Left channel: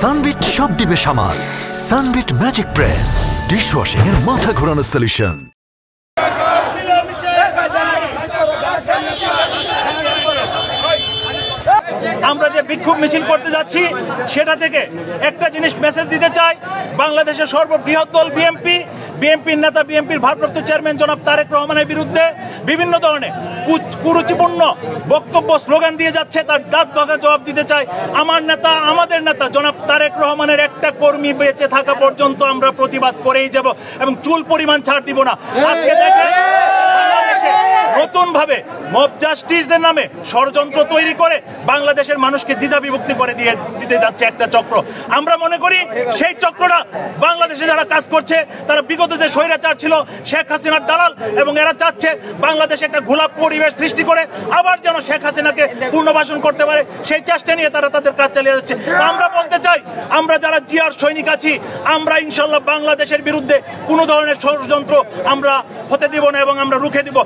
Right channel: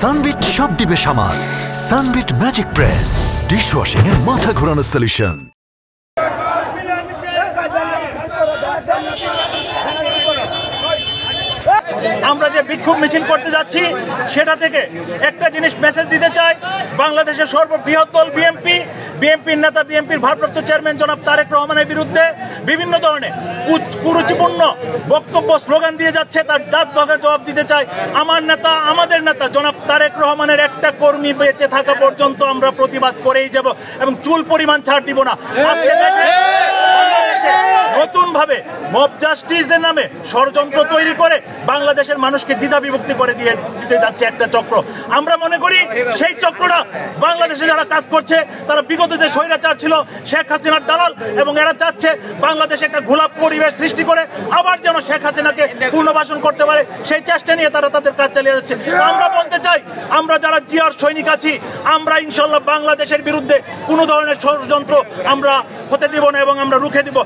Sunbit সব দিবে সামাল। সানবিট ম্যাজিক প্রেস ডিশওয়াশিং এর মাথা ঘোরানো সলিউশন। আমরা যে বিক্ষোভ মিছিল করতে যাচ্ছি সেটা থেকে একটা জিনিস মেসেজ দিতে চাই, বাংলাদেশের সর্ববৃহৎ দল বিএনপির নেতা, বিএনপির ভারপ্রাপ্ত চেয়ারম্যান জনাব তারেক রহমানের বিরুদ্ধে বিভিন্ন ধরনের কুরুচিপূর্ণ বক্তব্য স্লোগান দিয়ে যাচ্ছে। তার দাঁত ভাঙা জবাব দিতে চাই। আমার নেতা, আমাদের নেতা জনাব তারেক রহমানের একটা কর্মী বেঁচে থাকা পর্যন্ত আমরা প্রতিবাদ করেই যাব এবং চুল পরিমাণ ছাড় দিব না। আজকে দেখেন নতুন ভাবে মব জাস্টিসের নামে ষড়যন্ত্র তৈরি করে বাংলাদেশের মানুষকে দ্বিধা বিভক্তি করে দিতে যাচ্ছে একটা চক্র। আমরা মনে করি সেই চক্রটা বাংলাদেশে যারা কাজ করছে তারা বিগত যে স্বৈরাচার ছিল শেখ হাসিনার দালাল, এবং এরা চাচ্ছে বাংলাদেশে একটা ঘোলাপ পরিবেশ সৃষ্টি করে আবার যেন শেখ হাসিনাকে পুনর্বাসন করতে পারে, সেই চেষ্টা নিয়ে তারা তাদের কাজ চালিয়ে যাচ্ছে। আমরা বলতে চাই, আমরা যারা জিয়ার সৈনিক আছি, আমরা ইনশাল্লাহ বাংলাদেশের বিরুদ্ধে কোনো ধরনের ষড়যন্ত্র আমরা হতে দিব না এবং আমরা রুখে দিব।